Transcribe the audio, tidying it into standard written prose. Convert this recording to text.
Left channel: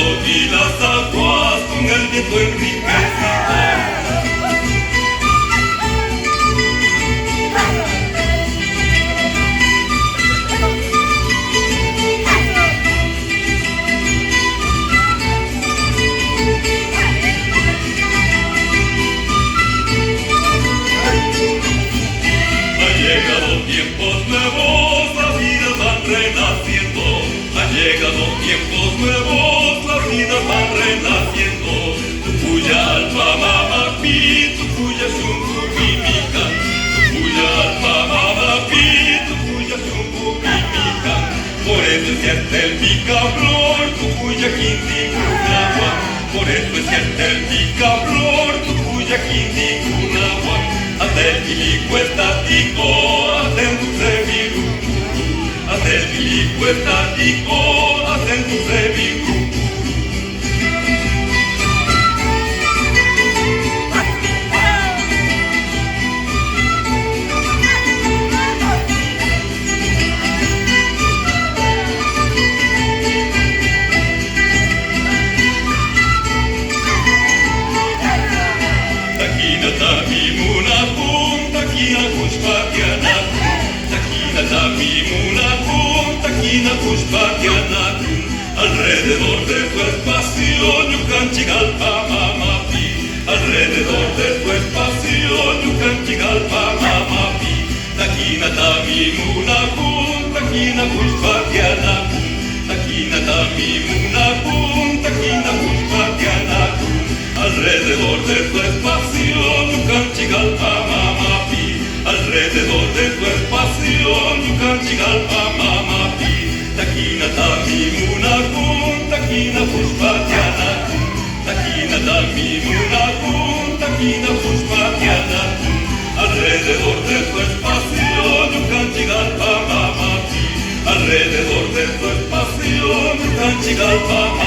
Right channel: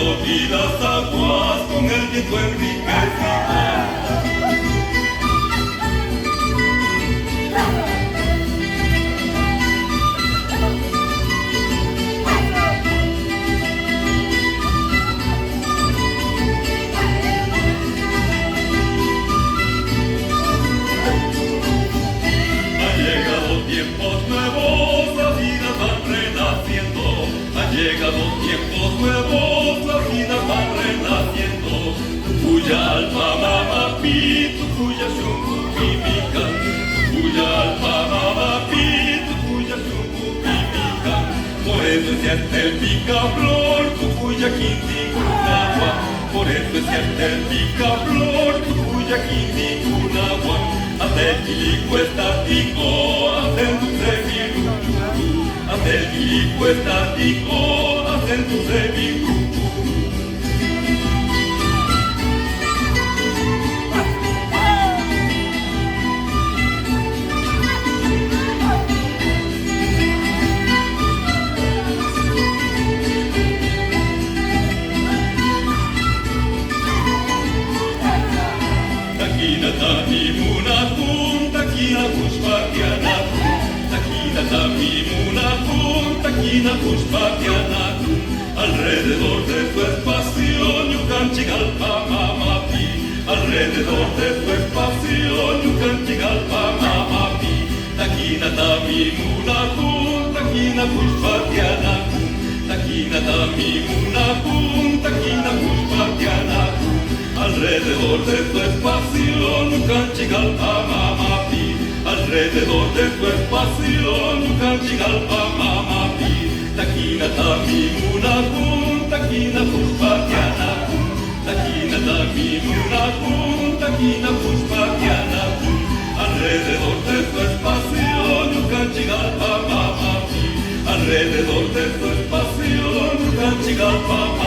y las aguas con el viento enriquecidas. Tiempos nuevos, la vida va renaciendo. Han llegado tiempos nuevos, la vida va renaciendo. Tuya alma mama pi, tuya shunku mimikan. Tuya alma mama pi, tuya shunku mimikan. Por eso es cierto el picaflor, tuya quindi kunawa. Por eso es cierto el picaflor, tuya quindi kunawa. Hacer bilico estático, hacer dulce biruku. Hacer bilico estático, hacer dulce biruku. Takina tamimuna kum, takina pushpakyanakum. Takina tamimuna kum, takina pushpakyanakum. Alrededor de tu espacio, yukanchigalpa mamapi. Alrededor de tu espacio, yukanchigalpa mamapi. Takina tamimuna kum, takina pushpakyanakum. Takina tamimuna kum, takina pushpakyanakum. Alrededor de tu espacio, yukanchigalpa mamapi. Alrededor de tu espacio, yukanchigalpa mamapi. Takina tamimuna kum, takina pushpakyanakum. Takina tamimuna kum, takina pushpakyanakum. Alrededor de tu espacio, yukanchigalpa mamapi. Alrededor de tu espacio, yukanchigalpa mamapi.